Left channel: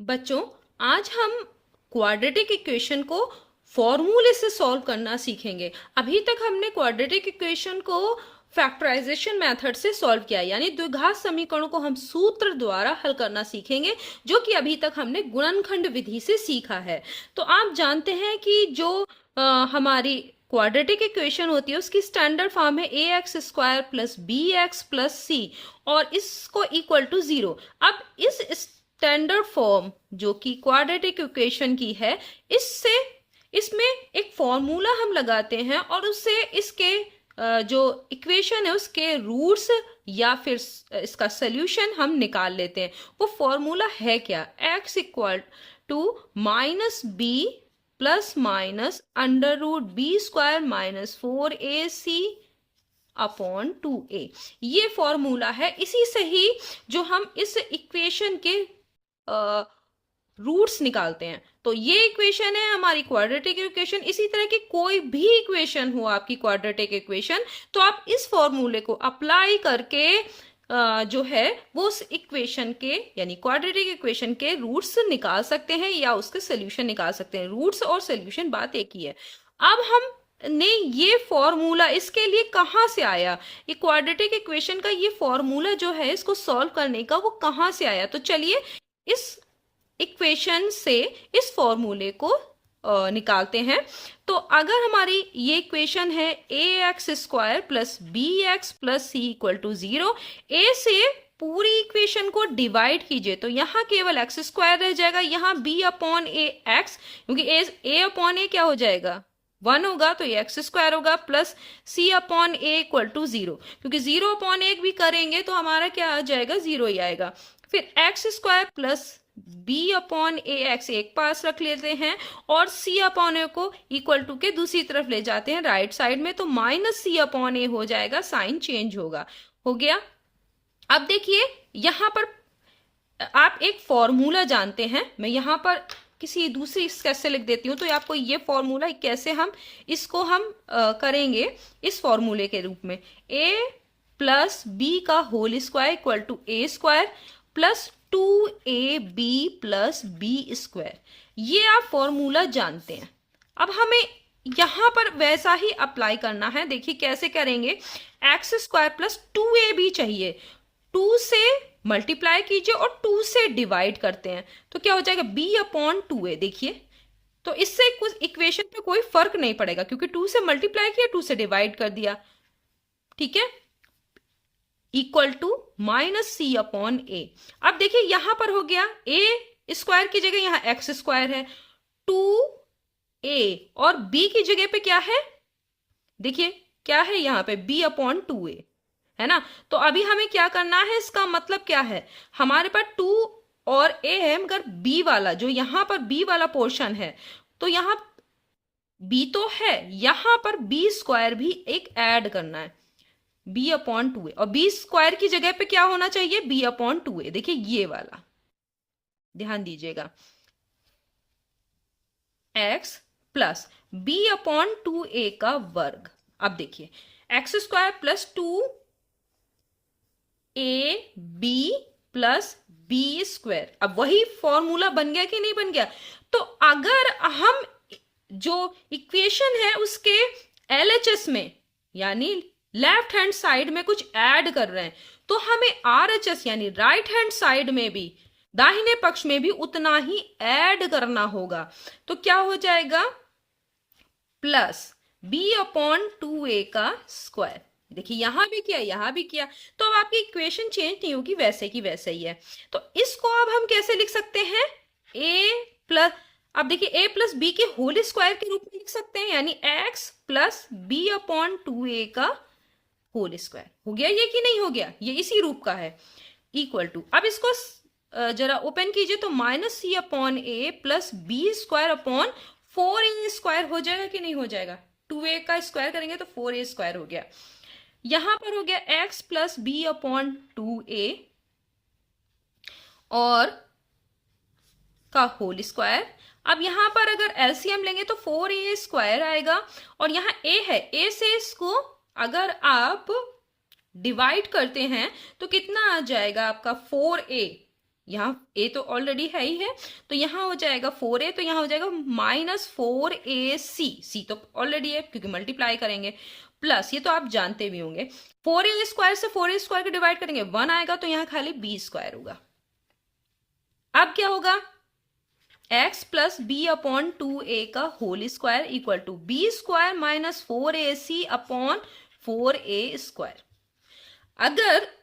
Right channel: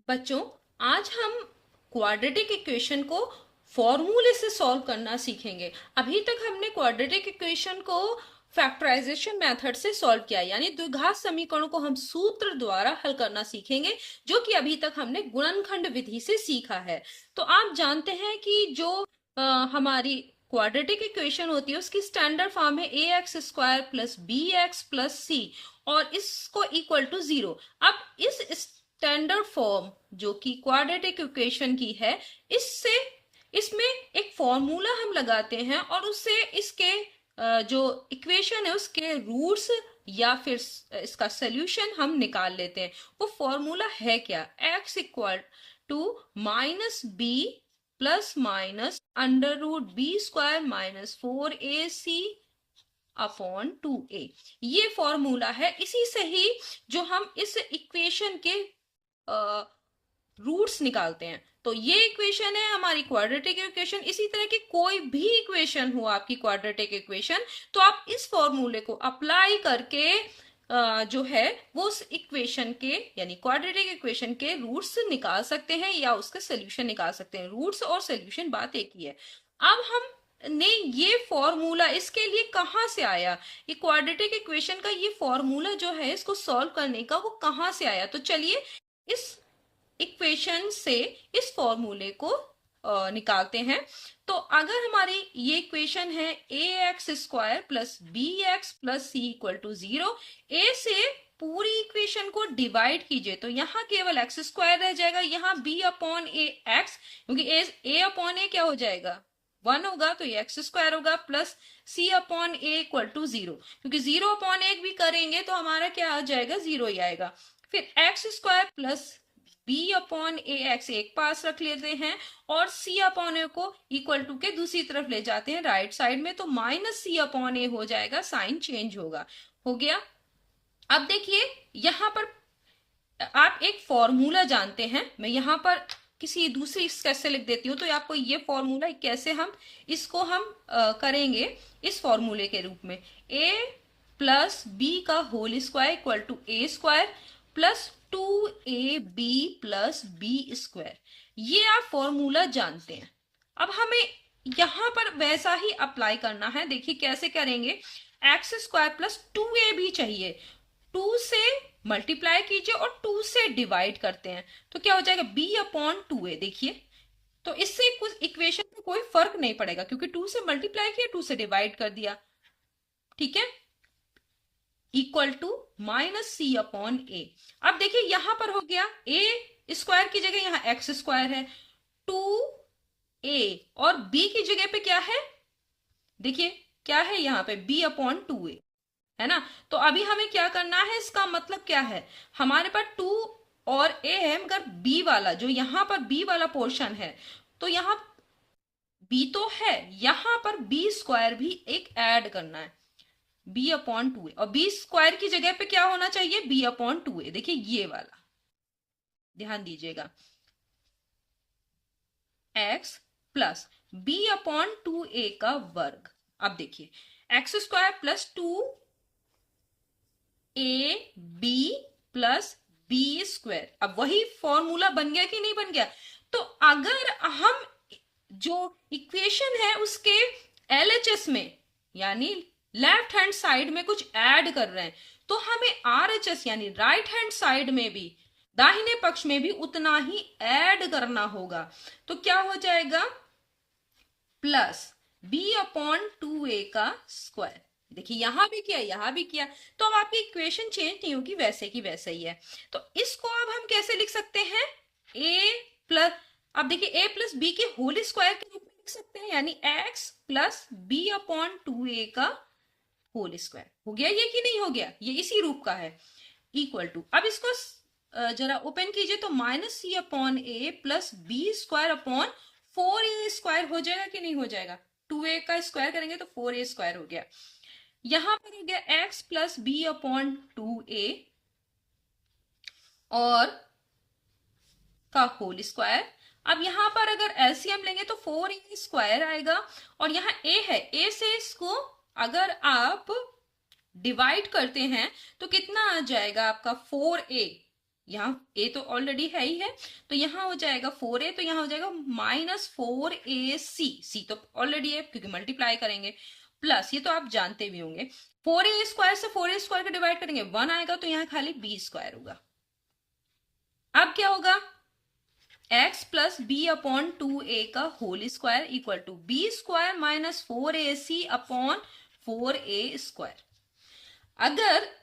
बच्चों, आज हम क्वाड्रेटिक इक्वेशन को फॉर्मूले से सॉल्व करना सीखेंगे। अभी तक हमने क्वाड्रेटिक इक्वेशन को फैक्टराइजेशन मेथड से सॉल्व किया, यानी द्विघात समीकरणों को हम सूत्र द्वारा हल करना सीखेंगे, जो कि अभी तक हमने गुणनखंड विधि से सीखा है। तो आप जानते हैं कि जो हमारी क्वाड्रेटिक इक्वेशन होती है उसकी स्टैंडर्ड फॉर्म है a x square plus b x plus c, और इसको इक्वल टू 0। अब इस स्टैंडर्ड फॉर्म जो कि क्वाड्रेटिक इक्वेशन की है, इससे इसमें एक फॉर्मूला हम लगाते हैं और उससे इसके जो इक्वेशन है उसके रूट्स या फिर इसका सोल्यूशन हम निकाल लेते हैं। वो फॉर्मूला है क्या? x equal to minus B plus minus under root B square minus 4ac upon 2a। ये फॉर्मूला है। इसी से ही जो हम इस इक्वेशन के रूट्स निकालते हैं। तो ये इक्वेशन है हमारी क्वाड्रेटिक इक्वेशन। इसी तरह की कोई भी इक्वेशन हो आपकी क्वाड्रेटिक इक्वेशन, तो आप इस फॉर्मूले को अप्लाई करके जो है वो उस इक्वेशन के यानी क्वाड्रेटिक इक्वेशन के रूट्स निकाल सकते हैं या उसके सोल्यूशन निकाल सकते हैं। रूट्स और सोल्यूशन बात एक ही है। अब हम ने ये फॉर्मूला इसके लिए कहां से आया, ये क्वाड्रेटिक इक्वेशन का ये फॉर्मूला जो है इसको सॉल्व करने का वो कहां से आया। तो चलिए इस इक्वेशन से इस फॉर्मूले को निकालते हैं। तो अगर हमारी ये इक्वेशन है a x square plus b x plus c equal to 0, a से पूरी इक्वेशन को डिवाइड कीजिए तो यहाँ केवल एक्स स्क्वायर रह जाएगा, यहाँ बी अपॉन ए एक्स, क्योंकि ए अपॉन ए क्या हो जाएगा 1 होगा, तो ये एक्स स्क्वायर होगा, plus C upon A equal to 0, क्योंकि 0 अपॉन एक भी करेंगे तो हमारा क्या आ जाएगा 0 ही आएगा। फिर x square plus b upon a x एक पास रख लेते हैं और सी अपॉन ए को इक्वल टू के दूसरी तरफ ले जाते हैं राइट साइड में, तो माइनस सी अपॉन ए हो जाएगा, साइन चेंज होगा। हो गया। अब देखिए यहां पर आप एक फॉर्मूला जानते हैं, मैं यहां पर किसी दूसरी कैसे लिख देती हूँ तो आपको ये फॉर्मूला कैसे हम इसको हम करेंगे इस फॉर्मूले के रूप में, a प्लस बी का whole square equal to A square plus 2ab plus B square. ये आप फॉर्मूला जानते हैं। अब हमें यहां पर वैसा ही अप्लाई करना है। देखिए कैसे करेंगे, एक्स स्क्वायर प्लस 2ab चाहिए, 2 से मल्टीप्लाई कीजिए और 2 से डिवाइड करते हैं तो क्या हो जाएगा b अपॉन 2a। देखिए तो इससे कुछ इक्वेशन पे कोई फर्क नहीं पड़ेगा, क्योंकि 2 से मल्टीप्लाई किया 2 से डिवाइड कर दिया, ठीक है, equal to minus c upon a. अब देखिए यहां पर हो गया ए स्क्वायर की जगह यहां एक्स स्क्वायर है, 2a और b की जगह पे क्या है, देखिए क्या है यहाँ पे b अपॉन 2a है ना। तो अभी हमें क्या करना है, इसका मतलब क्या है, हमारे पास 2 और a है, मगर b वाला जो यहाँ पर b वाला पोर्शन है, तो यहाँ b तो है, यहां पर b स्क्वायर भी एक ऐड करना है, b अपॉन 2a, और b स्क्वायर की जगह पे क्या होना चाहिए b अपॉन 2a। देखिए ये वाला ध्यान दीजिएगा, x plus b upon 2a का वर्ग। अब देखिए X square plus 2ab plus B square, अब वही फॉर्मूला बन गया कि नहीं बन गया। तो अगर हम जो इक्वेशन है उसके एलएचएस में यानी लेफ्ट हैंड साइड में कुछ ऐड कर रहे हैं, तो हमें आरएचएस यानी राइट हैंड साइड में भी दाहिने पक्ष में भी उतना ही ऐड करना होगा। तो क्या हो जाएगा, प्लस b अपॉन 2a का स्क्वायर। देखिए यहां भी किया यहां भी किया, तो अब आपकी इक्वेशन चेंज नहीं होगी, वैसे की वैसे ही है। तो इसको अब हम कैसे लिख सकते हैं, a प्लस, अब देखिए a प्लस बी के होल स्क्वायर के रूप में लिख सकते हैं, यानी x plus b upon 2a का होल स्क्वायर। हो गया ये कि नहीं हो गया, ये इसी रूप का है, इक्वल टू, अब इसको जरा ओपन कीजिए तो minus c upon a plus B square upon 4a square हो जाएगा कि नहीं हो जाएगा, 2a का स्क्वायर करेंगे तो 4a स्क्वायर हो गया। यहां पर हो गया x plus b upon 2a और का होल स्क्वायर। अब यहां पर अगर एलसीएम लेंगे तो 4a स्क्वायर आएगा, और यहां a है, a से इसको अगर आप डिवाइड करते हैं तो कितना आ जाएगा आपका 4a, यहाँ a तो ऑलरेडी है ही है, तो यहाँ हो जाएगा 4a, तो यहाँ हो जाएगा -4ac, c तो ऑलरेडी है क्योंकि मल्टीप्लाई करेंगे, प्लस ये तो आप जानते भी होंगे 4a² से 4a² को डिवाइड करेंगे 1 आएगा, तो यहाँ खाली b² होगा। अब क्या होगा, x plus b upon 2a का whole square equal to b² minus 4ac upon 4a²। अगर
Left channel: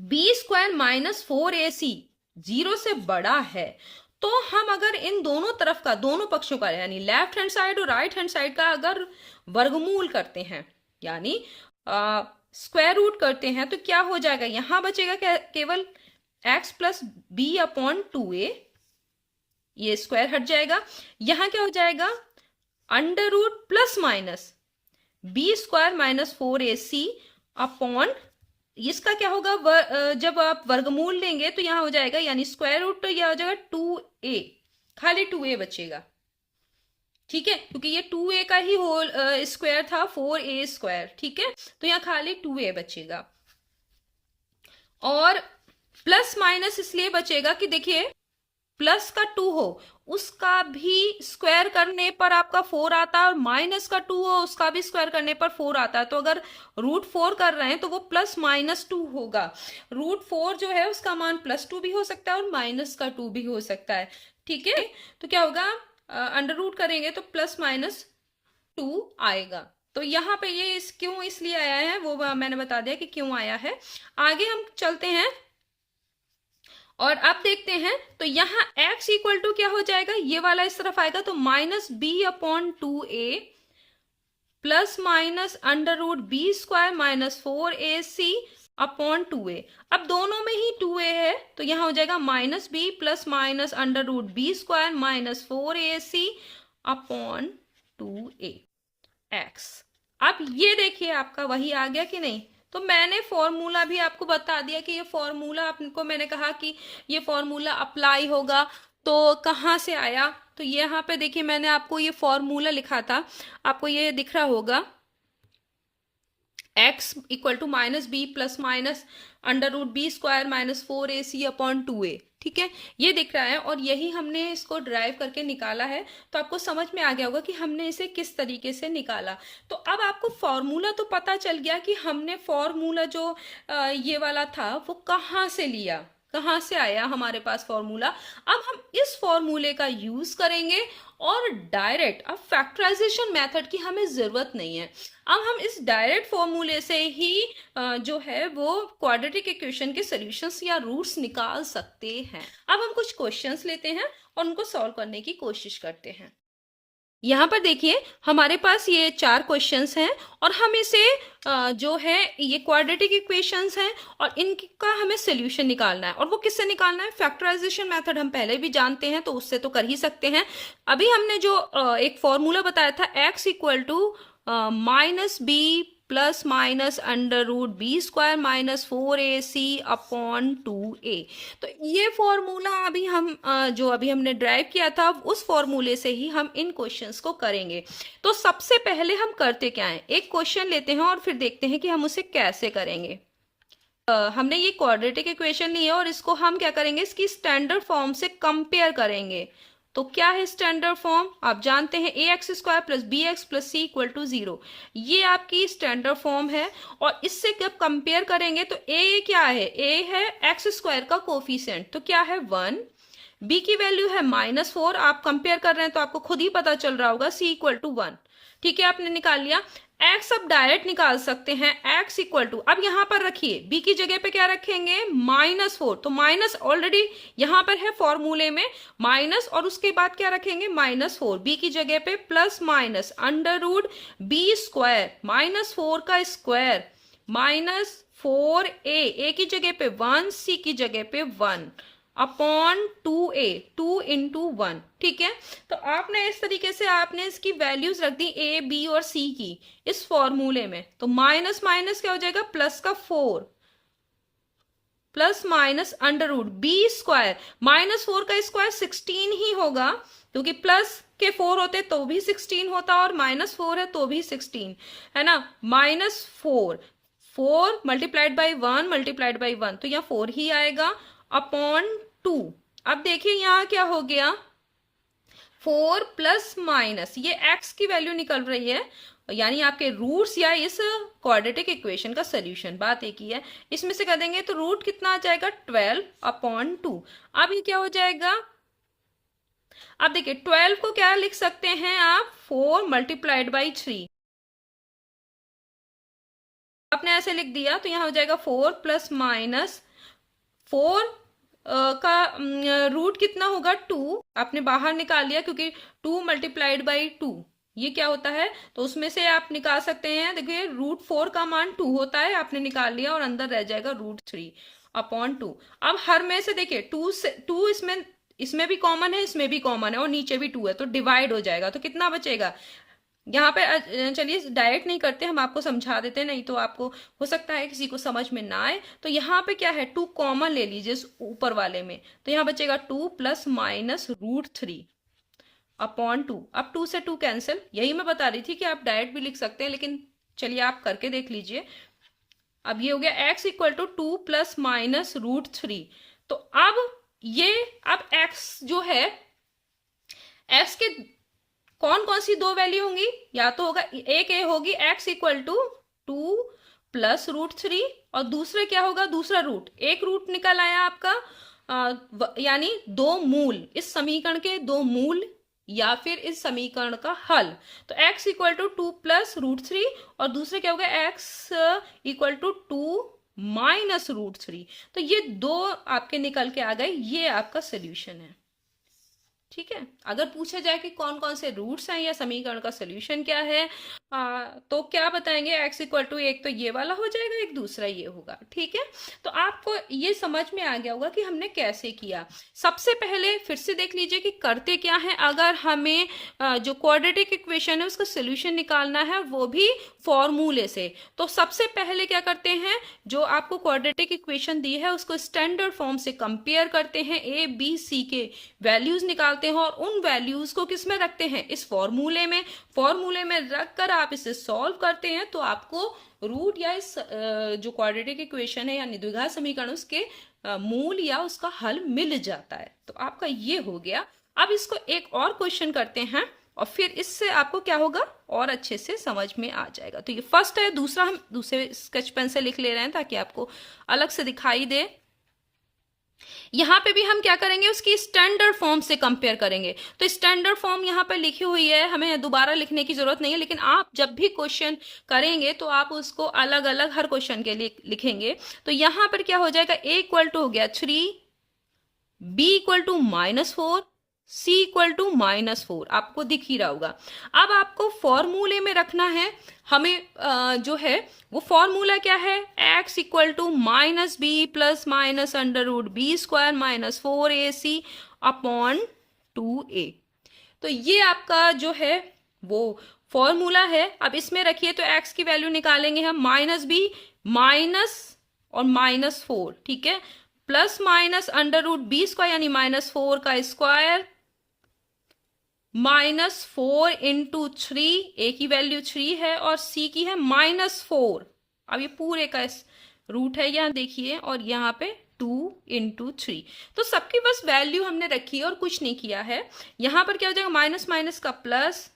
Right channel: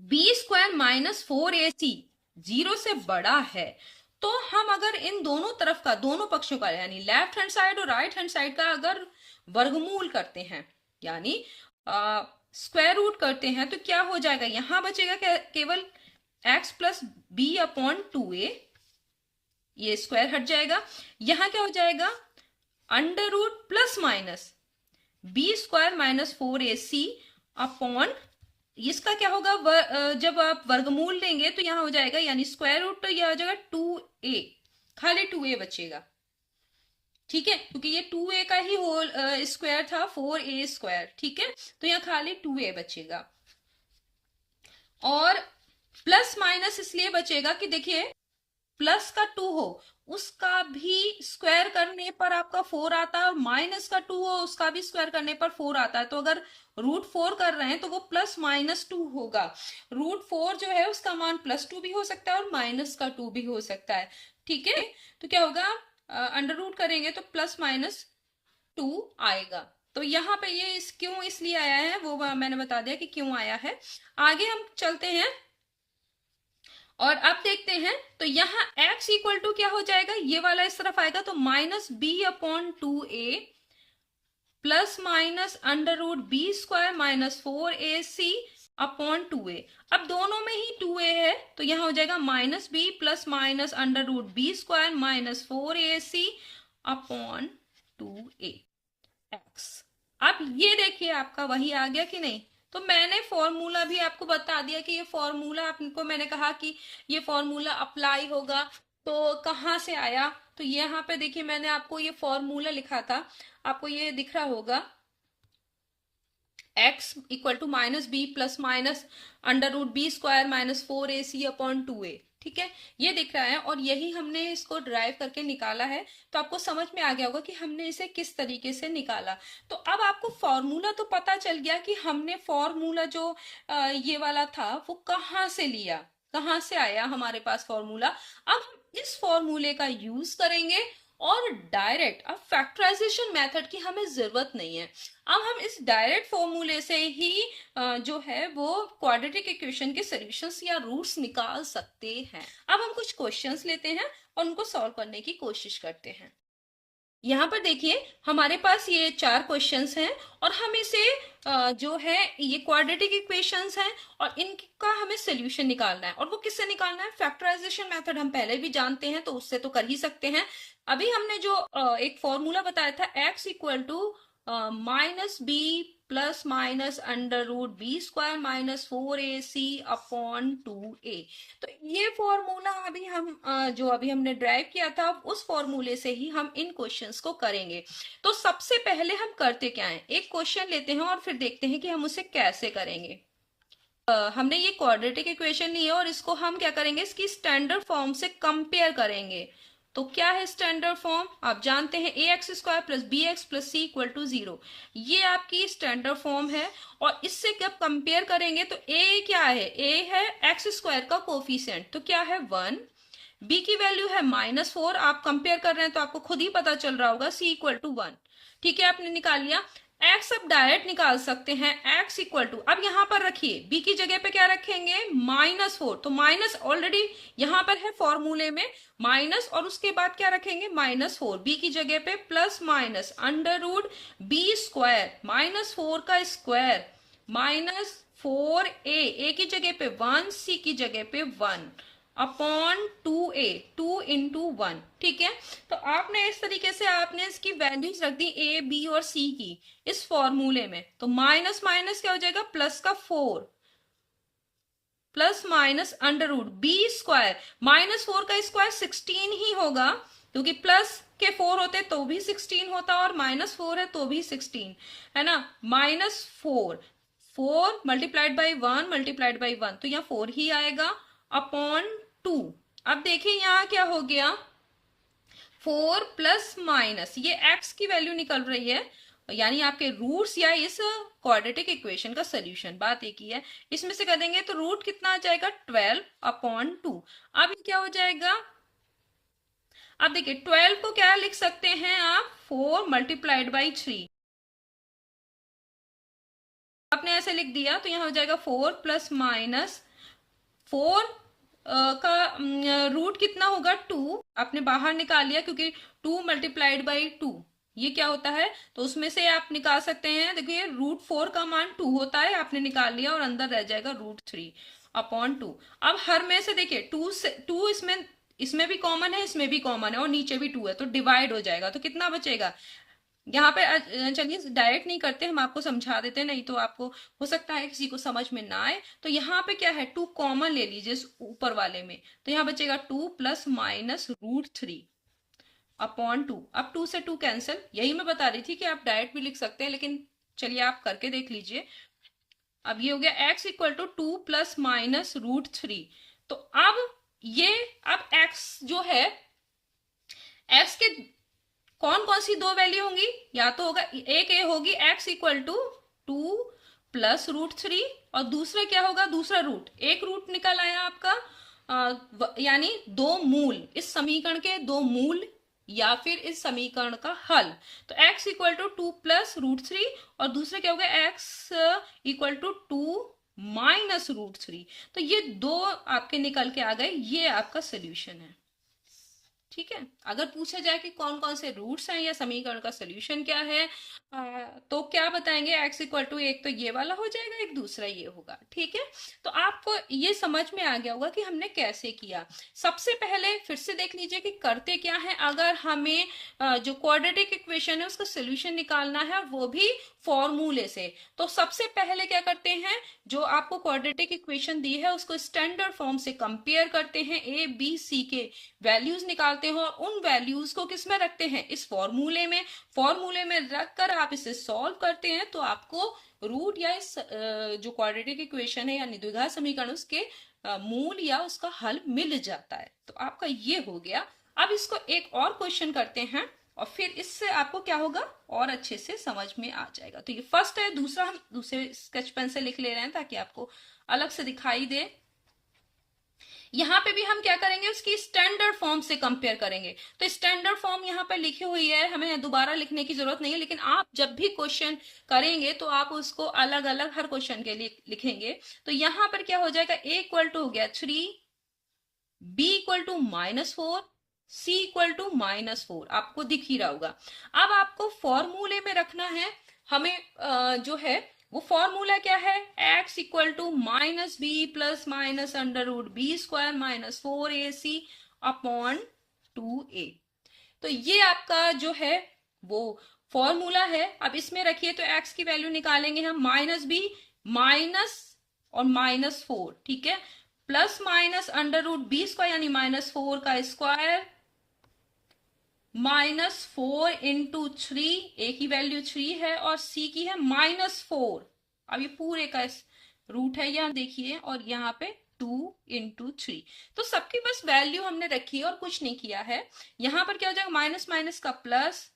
b² माइनस 4ac 0 से बड़ा है तो हम अगर इन दोनों तरफ का, दोनों पक्षों का, यानी लेफ्ट हैंड साइड और राइट हैंड साइड का अगर वर्गमूल करते हैं, यानी स्क्वायर रूट करते हैं, तो क्या हो जाएगा, यहां बचेगा केवल x plus b upon 2a, ये स्क्वायर हट जाएगा। यहां क्या हो जाएगा, under root plus minus b² minus 4ac upon, इसका क्या होगा, जब आप वर्गमूल लेंगे तो यहां हो जाएगा, यानी स्क्वायर रूट, तो यह हो जाएगा 2a, खाली 2a बचेगा, ठीक है, क्योंकि ये 2a का ही होल स्क्वायर था, 4a², ठीक है, तो यहाँ खाली 2a बचेगा। और प्लस माइनस इसलिए बचेगा कि देखिए प्लस का 2 हो उसका भी स्क्वायर करने पर आपका 4 आता है, और माइनस का 2 हो उसका भी स्क्वायर करने पर 4 आता है। तो अगर √4 कर रहे हैं तो वो प्लस माइनस 2 होगा। √4 जो है उसका मान +2 भी हो सकता है और माइनस का 2 भी हो सकता है, ठीक है। तो क्या होगा, अंडर रूट करेंगे तो प्लस माइनस 2 आएगा। तो यहाँ पे ये क्यों इसलिए आया है वो मैंने बता दिया कि क्यों आया है। आगे हम चलते हैं और अब देखते हैं, तो यहाँ x इक्वल टू क्या हो जाएगा, ये वाला इस तरफ आएगा, तो -b upon 2a plus minus under root b² minus 4ac upon 2a। अब दोनों में ही 2a है तो यहाँ हो जाएगा -b plus minus under root b² minus 4ac upon 2a x। अब ये देखिए आपका वही आ गया कि नहीं। तो मैंने फॉर्मूला भी आपको बता दिया कि ये फॉर्मूला, आपको मैंने कहा कि ये फॉर्मूला अप्लाई होगा, तो कहाँ से आया, तो यहाँ पे देखिए मैंने आपको ये फॉर्मूला लिखा था, आपको ये दिख रहा होगा, x equal to -b plus minus under root b² minus 4ac upon 2a, ठीक है, ये दिख रहा है, और यही हमने इसको ड्राइव करके निकाला है। तो आपको समझ में आ गया होगा कि हमने इसे किस तरीके से निकाला। तो अब आपको फॉर्मूला तो पता चल गया कि हमने फॉर्मूला जो ये वाला था वो कहाँ से लिया, कहाँ से आया हमारे पास फॉर्मूला। अब हम इस फॉर्मूले का यूज करेंगे और डायरेक्ट, अब फैक्टराइजेशन मेथड की हमें जरूरत नहीं है, अब हम इस डायरेक्ट फॉर्मूले से ही जो है वो क्वाड्रेटिक इक्वेशन के सॉल्यूशंस या रूट्स निकाल सकते हैं। अब हम कुछ क्वेश्चंस लेते हैं और उनको सॉल्व करने की कोशिश करते हैं। यहाँ पर देखिए हमारे पास ये 4 क्वेश्चंस हैं और हम इसे जो है ये क्वाड्रेटिक इक्वेशंस हैं और इनका हमें सोल्यूशन निकालना है। और वो किससे निकालना है, फैक्टराइजेशन मेथड हम पहले भी जानते हैं तो उससे तो कर ही सकते हैं। अभी हमने जो एक फॉर्मूला बताया था x equal to -b plus minus under root b² minus 4ac upon 2a, तो ये फॉर्मूला अभी हम जो अभी हमने ड्राइव किया था उस फॉर्मूले से ही हम इन क्वेश्चंस को करेंगे। तो सबसे पहले हम करते क्या है, एक क्वेश्चन लेते हैं और फिर देखते हैं कि हम उसे कैसे करेंगे। हमने ये क्वाड्रेटिक इक्वेशन ली है और इसको हम क्या करेंगे, इसकी स्टैंडर्ड फॉर्म से कंपेयर करेंगे। तो क्या है स्टैंडर्ड फॉर्म, आप जानते हैं ax² plus bx plus c equal to 0, ये आपकी स्टैंडर्ड फॉर्म है। और इससे जब कंपेयर करेंगे तो a क्या है, a है x² का कोफिशिएंट, तो क्या है 1, b की वैल्यू है -4, आप कंपेयर कर रहे हैं तो आपको खुद ही पता चल रहा होगा c इक्वल टू 1, ठीक है, आपने निकाल लिया। x अब डायरेक्ट निकाल सकते हैं, x इक्वल टू, अब यहां पर रखिए b की जगह पे क्या रखेंगे -4, तो माइनस ऑलरेडी यहां पर है फॉर्मूले में माइनस, और उसके बाद क्या रखेंगे -4, b की जगह पे plus minus under root b² -4 का स्क्वायर माइनस 4a की जगह पे 1, c की जगह पे 1 अपॉन 2a, 2 इंटू 1, ठीक है। तो आपने इस तरीके से आपने इसकी वैल्यूज रख दी a, b और c की इस फॉर्मूले में। तो माइनस माइनस क्या हो जाएगा, प्लस का 4 plus minus under root b² -4 का स्क्वायर 16 ही होगा, क्योंकि प्लस के 4 होते तो भी 16 होता और -4 है तो भी 16 है ना। -4 4 मल्टीप्लाइड बाई 1 मल्टीप्लाइड बाई 1, तो यहाँ 4 ही आएगा अपॉन 2। अब देखिए यहाँ क्या हो गया, 4 प्लस माइनस, ये x की वैल्यू निकल रही है, यानी आपके रूट्स या इस क्वाड्रेटिक इक्वेशन का सोल्यूशन, बात एक ही है। इसमें से कर देंगे तो रूट कितना आ जाएगा, 12 अपॉन 2। अब ये क्या हो जाएगा, अब देखिए 12 को क्या लिख सकते हैं आप, 4 मल्टीप्लाइड बाई 3। आपने ऐसे लिख दिया तो यहाँ हो जाएगा 4 प्लस माइनस 4 का रूट कितना होगा, 2। आपने बाहर निकाल लिया क्योंकि 2 मल्टीप्लाइड बाई 2 ये क्या होता है, तो उसमें से आप निकाल सकते हैं। देखिए √4 का मान 2 होता है, आपने निकाल लिया और अंदर रह जाएगा √3 अपॉन 2। अब हर में से देखिए 2 इसमें भी कॉमन है, इसमें भी कॉमन है और नीचे भी 2 है, तो डिवाइड हो जाएगा। तो कितना बचेगा यहाँ पे, चलिए डायरेक्ट नहीं करते, हम आपको समझा देते हैं, नहीं तो आपको हो सकता है किसी को समझ में ना आए। तो यहाँ पे क्या है, 2 कॉमन ले लीजिए इस ऊपर वाले में, तो यहाँ बचेगा 2 प्लस माइनस √3 अपॉन 2। अब 2 से 2 कैंसिल, यही मैं बता रही थी कि आप डायरेक्ट भी लिख सकते हैं, लेकिन चलिए आप करके देख लीजिए। अब ये हो गया x equal to 2 plus minus √3। तो अब ये, अब x जो है, x के कौन कौन सी दो वैल्यू होंगी, या तो होगा एक ए होगी x इक्वल टू 2 प्लस √3, और दूसरा क्या होगा, दूसरा रूट, एक रूट निकल आया आपका, यानी दो मूल, इस समीकरण के दो मूल या फिर इस समीकरण का हल। तो x इक्वल टू 2 प्लस √3 और दूसरा क्या होगा, x इक्वल टू 2 माइनस √3। तो ये दो आपके निकल के आ गए, ये आपका सोल्यूशन है। ठीक है, अगर पूछा जाए कि कौन कौन से रूट्स हैं या समीकरण का सोल्यूशन क्या है, तो क्या बताएंगे, x इक्वल टू एक तो ये वाला हो जाएगा, एक दूसरा ये होगा। ठीक है, तो आपको ये समझ में आ गया होगा कि हमने कैसे किया। सबसे पहले फिर से देख लीजिए कि करते क्या है। अगर हमें जो क्वाड्रेटिक इक्वेशन है उसका सोल्यूशन निकालना है, वो भी फॉर्मूले से, तो सबसे पहले क्या करते हैं, जो आपको क्वाड्रेटिक इक्वेशन दी है उसको स्टैंडर्ड फॉर्म से कंपेयर करते हैं, ए बी सी के वैल्यूज निकालते हैं और उन वैल्यूज को किस में रखते हैं, इस फॉर्मूले में। फॉर्मूले में रखकर आप इसे सॉल्व करते हैं तो आपको रूट या इस जो क्वाड्रेटिक इक्वेशन है या द्विघात समीकरण, उसके मूल या उसका हल मिल जाता है। तो आपका ये हो गया। अब इसको एक और क्वेश्चन करते हैं और फिर इससे आपको क्या होगा, और अच्छे से समझ में आ जाएगा। तो ये फर्स्ट है, दूसरा हम दूसरे स्केच पेन से लिख ले रहे हैं ताकि आपको अलग से दिखाई दे। यहां पे भी हम क्या करेंगे, उसकी स्टैंडर्ड फॉर्म से कंपेयर करेंगे। तो स्टैंडर्ड फॉर्म यहां पर लिखी हुई है, हमें दोबारा लिखने की जरूरत नहीं है, लेकिन आप जब भी क्वेश्चन करेंगे तो आप उसको अलग अलग हर क्वेश्चन के लिए लिखेंगे। तो यहां पर क्या हो जाएगा, a इक्वल टू हो गया 3, b equal to -4, c equal to -4, आपको दिख ही रहा होगा। अब आपको फॉर्मूले में रखना है, हमें जो है वो फॉर्मूला क्या है, x equal to -b plus minus √b² -4ac upon 2a। तो ये आपका जो है वो फॉर्मूला है। अब इसमें रखिए तो x की वैल्यू निकालेंगे हम, -b माइनस और -4, ठीक है, प्लस माइनस √b² यानी -4 का स्क्वायर -4 इंटू 3, a की वैल्यू 3 है और c की है -4। अब ये पूरे का रूट है, यहाँ देखिए, और यहाँ पे 2 इंटू 3। तो सबकी बस वैल्यू हमने रखी है और कुछ नहीं किया है। यहाँ पर क्या हो जाएगा, माइनस माइनस का plus,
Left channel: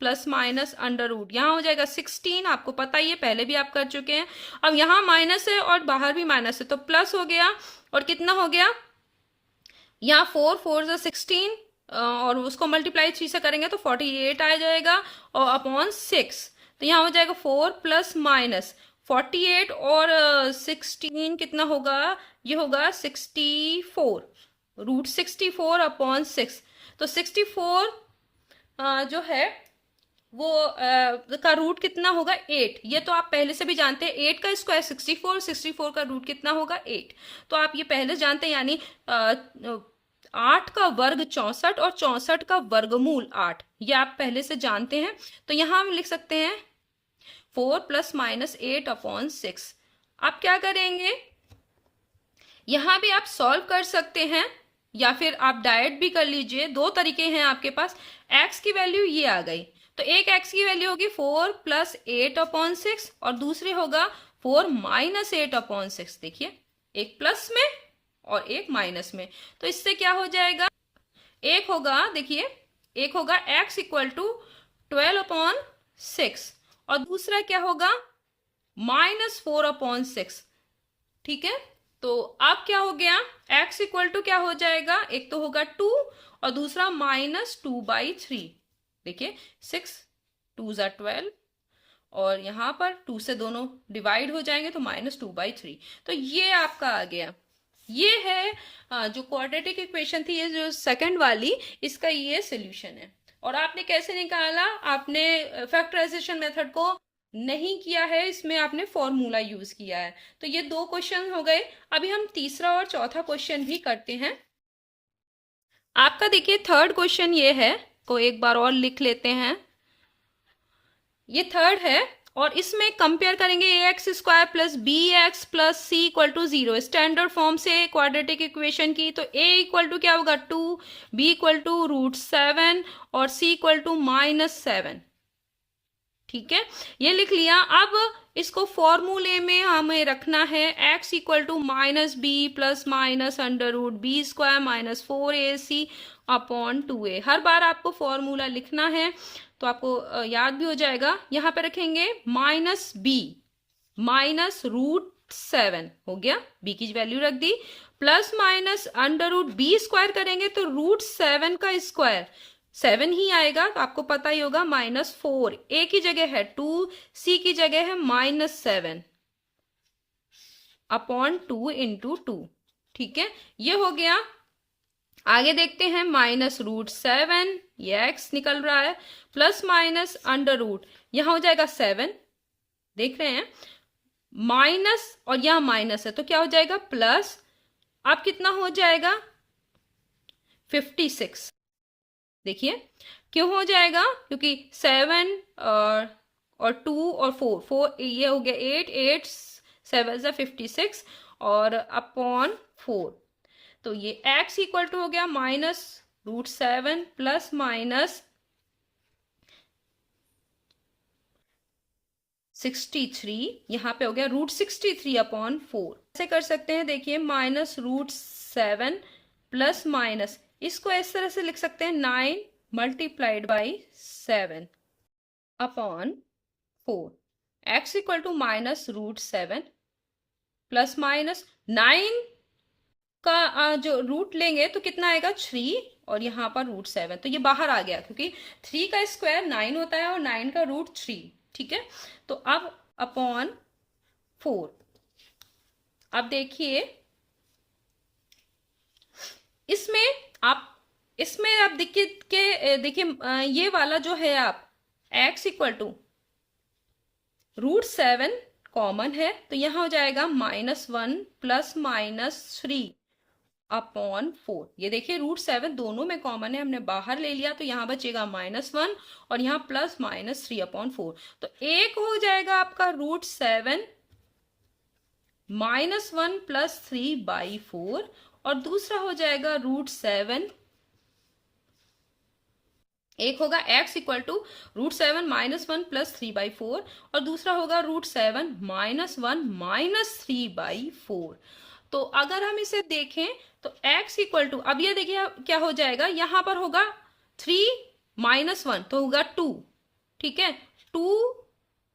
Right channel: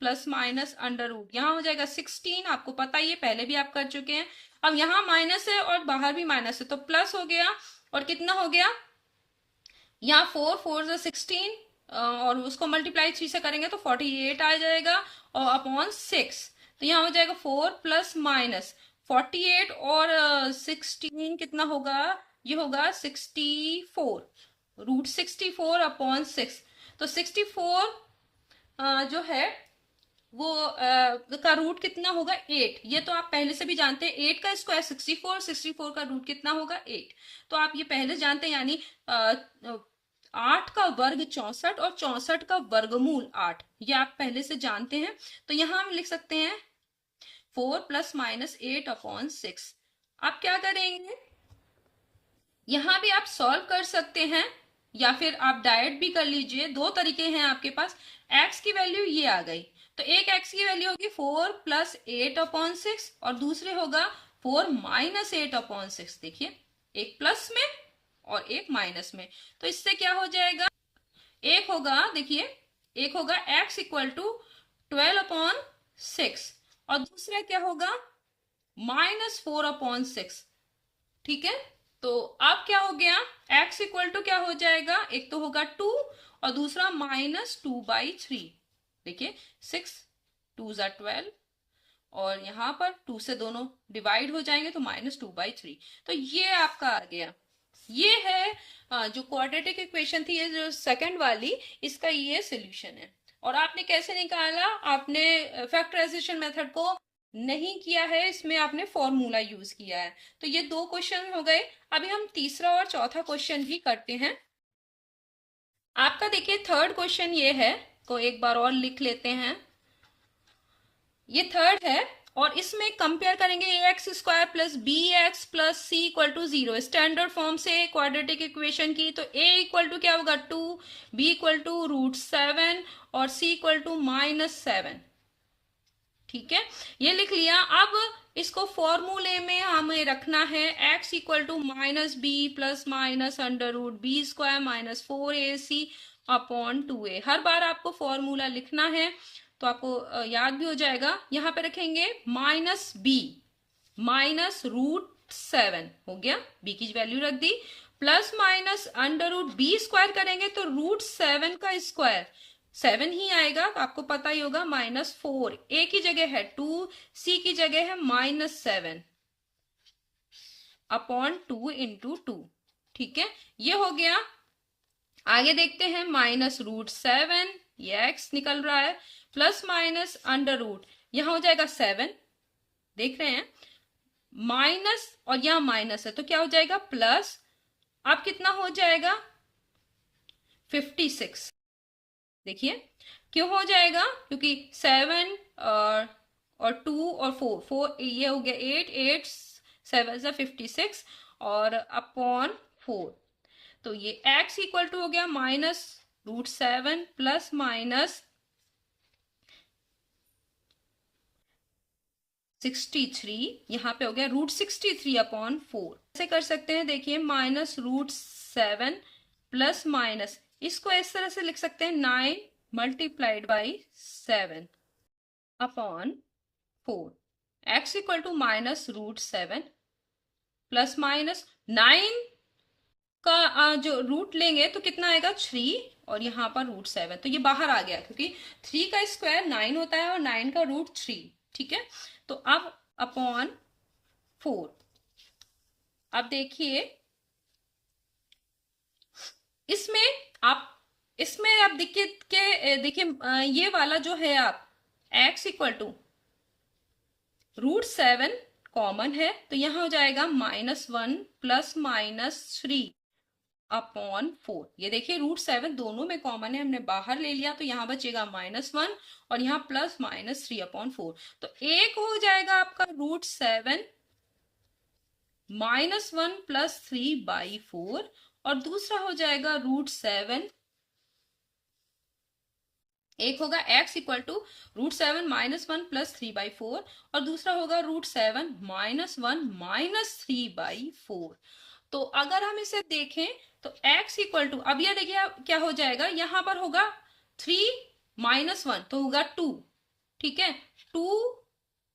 plus minus under root, यहाँ हो जाएगा 16, आपको पता ही है, पहले भी आप कर चुके हैं। अब यहाँ माइनस है और बाहर भी माइनस है, तो प्लस हो गया, और कितना हो गया, यहाँ 4 4 16, और उसको मल्टीप्लाई 3 से करेंगे तो 48 आ जाएगा, और अपॉन 6। तो यहाँ हो जाएगा 4 प्लस माइनस 48 और 16 कितना होगा, ये होगा 64, √64 अपॉन 6। तो 64 जो है वो का रूट कितना होगा, 8। ये तो आप पहले से भी जानते हैं, 8 का स्क्वायर 64, 64 का रूट कितना होगा, 8। तो आप ये पहले जानते हैं, यानी 8 का वर्ग 64 और 64 का वर्गमूल 8, ये आप पहले से जानते हैं। तो यहां हम लिख सकते हैं 4 प्लस माइनस 8 अपॉन 6। आप क्या करेंगे, यहां भी आप सॉल्व कर सकते हैं या फिर आप डायरेक्ट भी कर लीजिए, दो तरीके हैं आपके पास। x की वैल्यू ये आ गई, तो एक x की वैल्यू होगी 4 प्लस 8 अपॉन 6 और दूसरी होगा 4 माइनस 8 अपॉन 6। देखिए, एक प्लस में और एक माइनस में। तो इससे क्या हो जाएगा, एक होगा, देखिए एक होगा x इक्वल टू 12/6 और दूसरा क्या होगा -4/6। ठीक है, तो अब क्या हो गया, x इक्वल टू क्या हो जाएगा, एक तो होगा 2 और दूसरा -2/3। देखिए 6 2 ज़ा 12 और यहां पर 2 से दोनों डिवाइड हो जाएंगे तो -2/3। तो ये आपका आ गया, ये है जो क्वाड्रेटिक इक्वेशन थी, ये जो सेकंड वाली, इसका ये सोल्यूशन है। और आपने कैसे निकाला, आपने फैक्टराइजेशन मेथड को नहीं किया है, इसमें आपने फॉर्मूला यूज किया है। तो ये दो क्वेश्चन हो गए। अभी हम तीसरा और चौथा क्वेश्चन भी करते हैं। आपका देखिए थर्ड क्वेश्चन ये है, को एक बार और लिख लेते हैं। ये थर्ड है और इसमें कंपेयर करेंगे ax² plus bx plus c equal to 0 standard form से क्वाड्रेटिक इक्वेशन की। तो a इक्वल टू क्या होगा 2, b इक्वल टू √7 और c इक्वल टू -7। ठीक है, ये लिख लिया। अब इसको फॉर्मूले में हमें रखना है, x equal to -b plus minus √b² -4ac upon 2a। हर बार आपको फॉर्मूला लिखना है तो आपको याद भी हो जाएगा। यहां पे रखेंगे -b -√7 हो गया, b की वैल्यू रख दी, प्लस माइनस √b² करेंगे तो √7 का स्क्वायर 7 ही आएगा, तो आपको पता ही होगा -4। a की जगह है 2, c की जगह है -7 अपॉन 2 इंटू 2। ठीक है, ये हो गया। आगे देखते हैं -√7, ये x निकल रहा है, प्लस माइनस √ यहां हो जाएगा 7, देख रहे हैं, माइनस और यहां माइनस है तो क्या हो जाएगा प्लस। अब कितना हो जाएगा 56। देखिए क्यों हो जाएगा, क्योंकि 7 और 2 और 4 ये हो गया 8, 8 7 से 56 और अपॉन 4। तो ये x इक्वल टू हो गया -√7 प्लस माइनस 63, यहां पे हो गया √63 अपॉन 4। ऐसे कर सकते हैं, देखिए -√7 प्लस माइनस, इसको इस तरह से लिख सकते हैं 9 multiplied by 7 upon 4। x equal to -√7 plus minus 9 का जो रूट लेंगे तो कितना आएगा 3 और यहाँ पर √7, तो ये बाहर आ गया क्योंकि 3 का स्क्वायर 9 होता है और 9 का √3। ठीक है, तो अब अपॉन 4। अब देखिए इसमें आप देखिए ये वाला जो है आप x इक्वल टू √7 कॉमन है तो यहां हो जाएगा -1 प्लस -3 अपॉन 4। ये देखिए √7 दोनों में कॉमन है, हमने बाहर ले लिया तो यहां बचेगा -1 और यहां प्लस -3 अपॉन 4। तो एक हो जाएगा आपका √7 -1 प्लस 3/4 और दूसरा हो जाएगा √7, एक होगा x इक्वल टू √7 -1 प्लस 3/4 और दूसरा होगा √7 -1 -3/4। तो अगर हम इसे देखें तो x इक्वल टू, अब ये देखिए क्या हो जाएगा, यहां पर होगा 3 -1 तो होगा 2। ठीक है, 2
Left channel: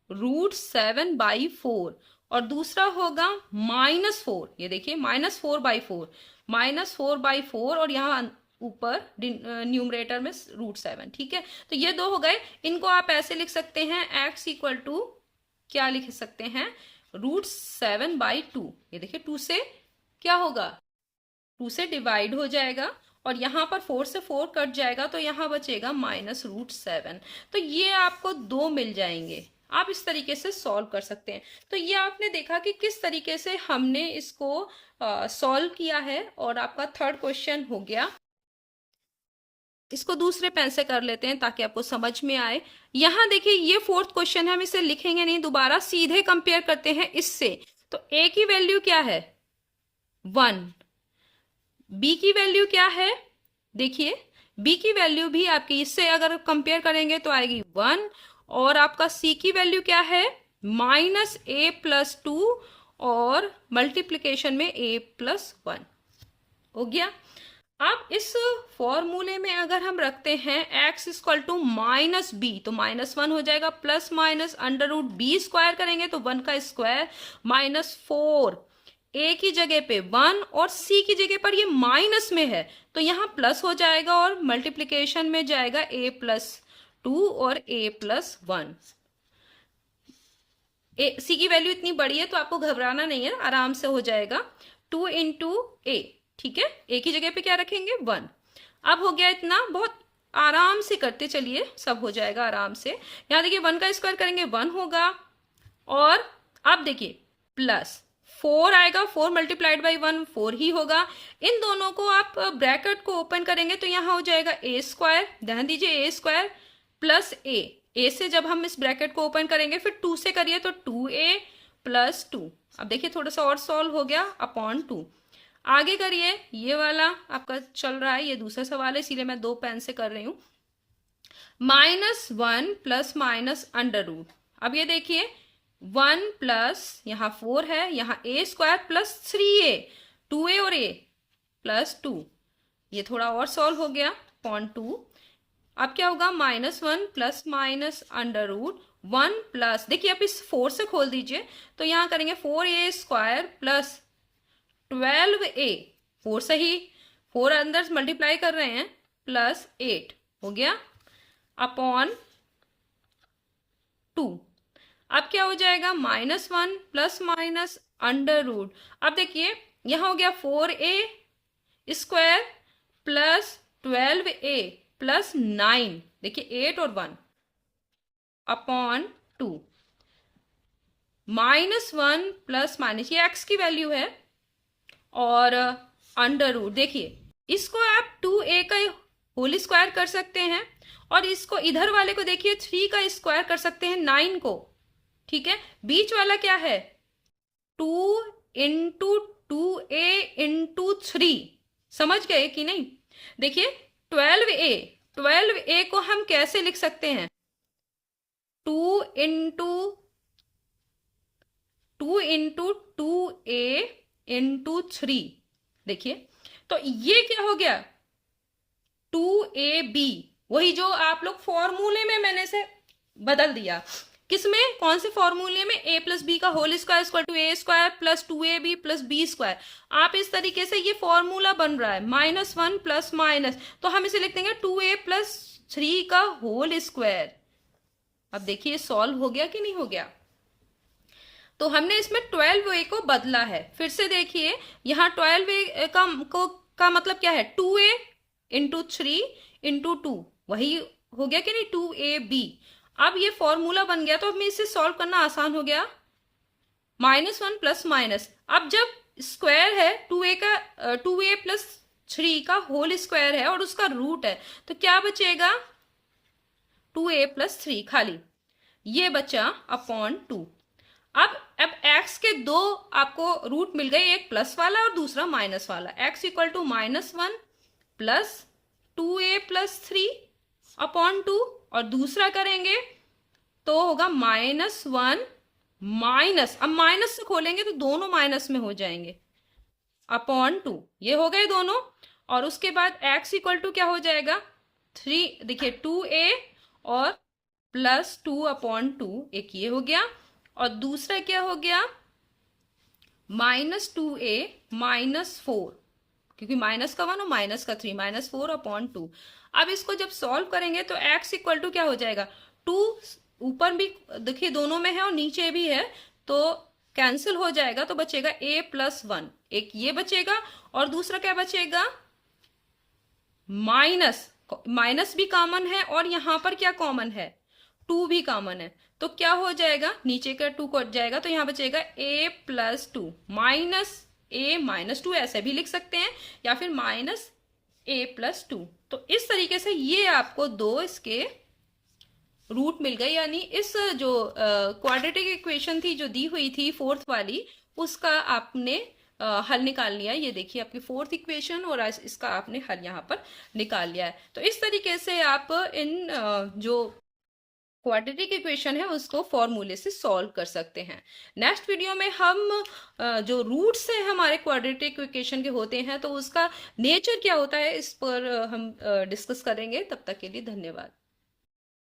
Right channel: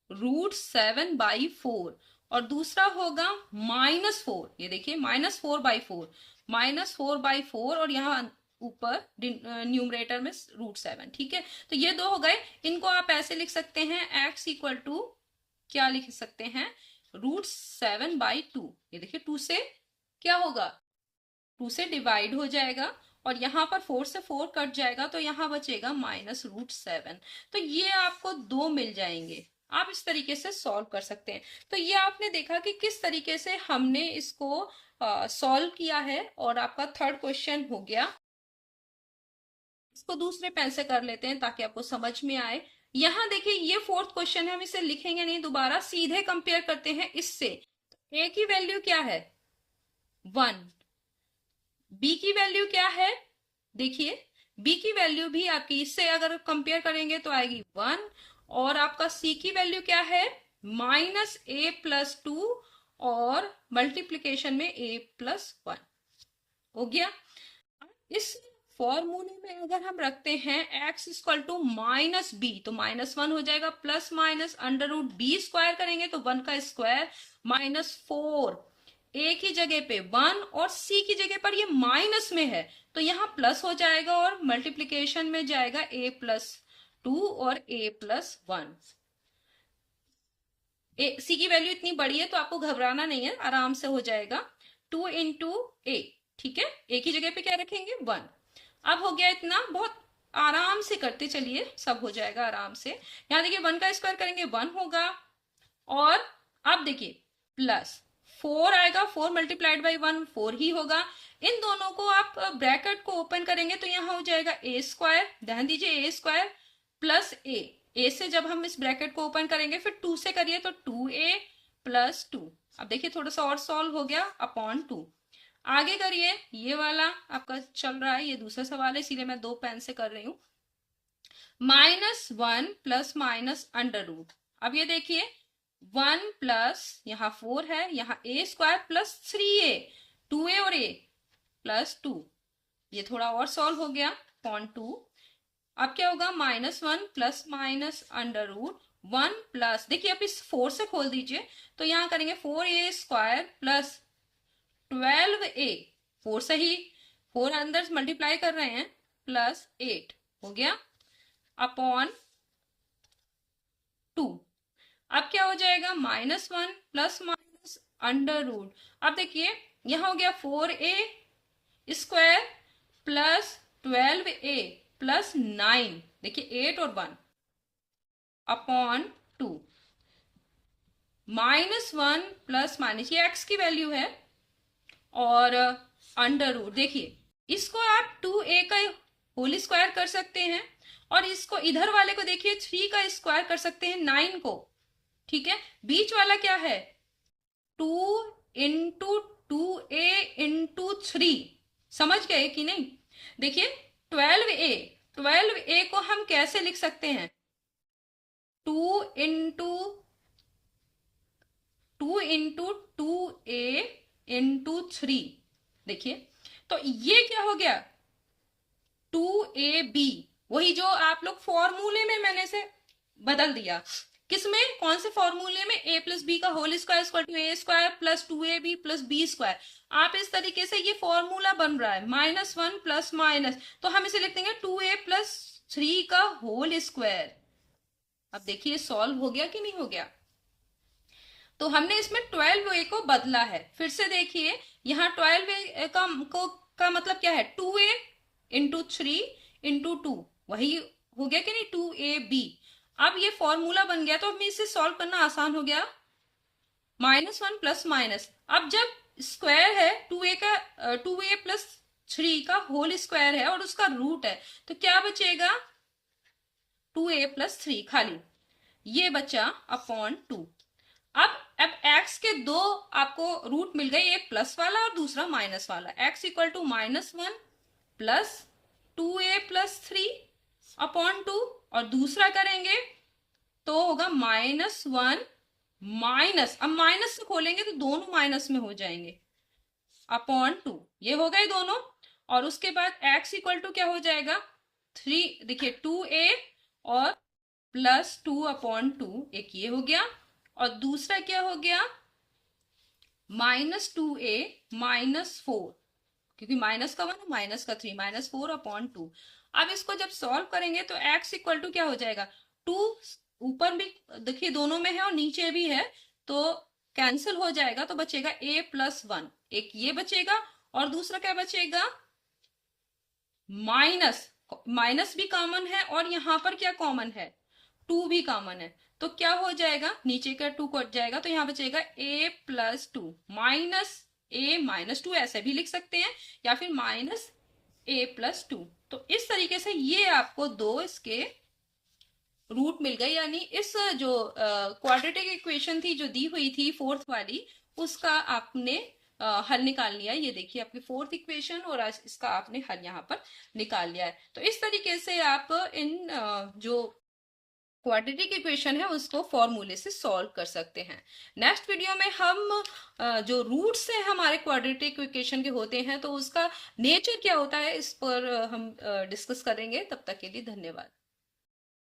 √7/4 और दूसरा होगा -4, ये देखिए -4/4 -4/4 और यहाँ ऊपर न्यूमरेटर में √7। ठीक है, तो ये दो हो गए। इनको आप ऐसे लिख सकते हैं, x इक्वल टू क्या लिख सकते हैं √7/2। ये देखिए 2 से क्या होगा, 2 से डिवाइड हो जाएगा और यहां पर 4 से 4 कट जाएगा तो यहां बचेगा -√7। तो ये आपको 2 मिल जाएंगे। आप इस तरीके से सॉल्व कर सकते हैं। तो ये आपने देखा कि किस तरीके से हमने इसको सॉल्व किया है और आपका थर्ड क्वेश्चन हो गया। इसको दूसरे पेन से कर लेते हैं ताकि आपको समझ में आए। यहां देखिए ये फोर्थ क्वेश्चन है, हम इसे लिखेंगे नहीं दोबारा, सीधे कंपेयर करते हैं इससे। तो a की वैल्यू क्या है 1, b की वैल्यू क्या है, देखिए b की वैल्यू भी आपकी इससे अगर कंपेयर करेंगे तो आएगी 1 और आपका c की वैल्यू क्या है -a + 2 और मल्टीप्लीकेशन में a + 1। हो गया। अब इस फॉर्मूले में अगर हम रखते हैं x equal to minus B, तो -1 हो जाएगा, plus minus under root B square करेंगे तो 1 का स्क्वायर -4, a की जगह पे 1 और c की जगह पर ये माइनस में है तो यहां प्लस हो जाएगा और मल्टीप्लीकेशन में जाएगा a+2 और a+1। सी की वैल्यू इतनी बड़ी है तो आपको घबराना नहीं है, आराम से हो जाएगा। 2 इंटू ए, ठीक है, ए की जगह पे क्या रखेंगे 1। अब हो गया इतना, बहुत आराम से करते चलिए, सब हो जाएगा आराम से। यहां देखिए 1 का स्क्वायर करेंगे 1 होगा, और अब देखिए प्लस 4 आएगा, 4 मल्टीप्लाइड बाई 1 4 ही होगा। इन दोनों को आप ब्रैकेट को ओपन करेंगे तो यहां हो जाएगा ए स्क्वायर, ध्यान दीजिए ए स्क्वायर प्लस ए से जब हम इस ब्रैकेट को ओपन करेंगे फिर 2 से करिए तो 2a प्लस 2। अब देखिए थोड़ा सा और सॉल्व हो गया, अपॉन 2। आगे करिए, ये वाला आपका चल रहा है, ये दूसरा सवाल है इसीलिए मैं 2 पेन से कर रही हूं। -1 प्लस माइनस अंडर रूट, अब ये देखिए 1 प्लस यहाँ 4 है, यहाँ a square plus 3a, 2a और a प्लस 2, ये थोड़ा और सॉल्व हो गया, अपॉन 2। अब क्या होगा -1 plus minus under root 1 plus, देखिए आप इस 4 से खोल दीजिए तो यहां करेंगे 4a स्क्वायर प्लस 12a, 4 से ही 4 अंदर मल्टीप्लाई कर रहे हैं, प्लस 8 हो गया, अपॉन 2। अब क्या हो जाएगा -1 प्लस माइनस अंडर रूट, अब देखिए यहां हो गया 4a square plus 12a plus 9, देखिए 8 और 1 अपॉन 2, -1 प्लस माइनस, ये x की वैल्यू है, और अंडर रूट, देखिए इसको आप 2a का होल स्क्वायर कर सकते हैं, और इसको इधर वाले को देखिए 3 का स्क्वायर कर सकते हैं 9 को, ठीक है। बीच वाला क्या है 2 इंटू 2a इंटू 3, समझ गए कि नहीं। देखिए 12a को हम कैसे लिख सकते हैं 2 इंटू 2a इंटू 3, देखिए तो ये क्या हो गया 2ab, वही जो आप लोग फॉर्मूले में मैंने से बदल दिया, किसमें, कौन से फॉर्मूले में, a प्लस बी का whole square equal to a square plus 2ab plus b square. आप इस तरीके से, ये फॉर्मूला बन रहा है -1 प्लस माइनस, तो हम इसे लिख देंगे 2a प्लस 3 का होल स्क्वायर। अब देखिए सॉल्व हो गया कि नहीं हो गया, तो हमने इसमें 12a को बदला है। फिर से देखिए यहाँ 12a का मतलब क्या है 2a इंटू 3 इंटू 2, वही हो गया कि नहीं 2ab। अब ये फॉर्मूला बन गया तो हमें इसे सॉल्व करना आसान हो गया, -1 प्लस माइनस, अब जब स्क्वायर है 2a प्लस 3 का होल स्क्वायर है और उसका रूट है तो क्या बचेगा 2a प्लस 3 खाली, ये बचा अपॉन 2। अब x के दो आपको रूट मिल गए, एक प्लस वाला और दूसरा माइनस वाला, x equal to -1 plus 2a plus 3 upon 2, और दूसरा करेंगे तो होगा -1 माइनस, अब माइनस से खोलेंगे तो दोनों माइनस में हो जाएंगे, अपॉन 2, ये हो गए दोनों। और उसके बाद x इक्वल टू क्या हो जाएगा 3, देखिए 2a और प्लस 2 अपॉन 2, एक ये हो गया, और दूसरा क्या हो गया -2a -4, क्योंकि माइनस का 1 और माइनस का 3, -4 अपॉन 2। अब इसको जब सॉल्व करेंगे तो x इक्वल टू क्या हो जाएगा 2, ऊपर भी देखिए दोनों में है और नीचे भी है तो कैंसिल हो जाएगा, तो बचेगा a प्लस 1, एक ये बचेगा, और दूसरा क्या बचेगा माइनस भी कॉमन है, और यहां पर क्या कॉमन है 2 भी कॉमन है, तो क्या हो जाएगा नीचे का 2 कट जाएगा तो यहां बचेगा a plus 2 minus a minus 2, ऐसे भी लिख सकते हैं, या फिर -a प्लस 2। तो इस तरीके से ये आपको दो इसके रूट मिल गए, यानी इस जो क्वाड्रेटिक इक्वेशन थी जो दी हुई थी फोर्थ वाली, उसका आपने हल निकाल लिया। ये देखिए आपकी फोर्थ इक्वेशन, और इसका आपने हल यहाँ पर निकाल लिया है। तो इस तरीके से आप इन जो क्वाड्रेटिक इक्वेशन है उसको फॉर्मूले से सॉल्व कर सकते हैं। नेक्स्ट वीडियो में हम जो रूट्स है हमारे क्वाड्रेटिक इक्वेशन के होते हैं तो उसका नेचर क्या होता है इस पर हम डिस्कस करेंगे। तब तक के लिए धन्यवाद।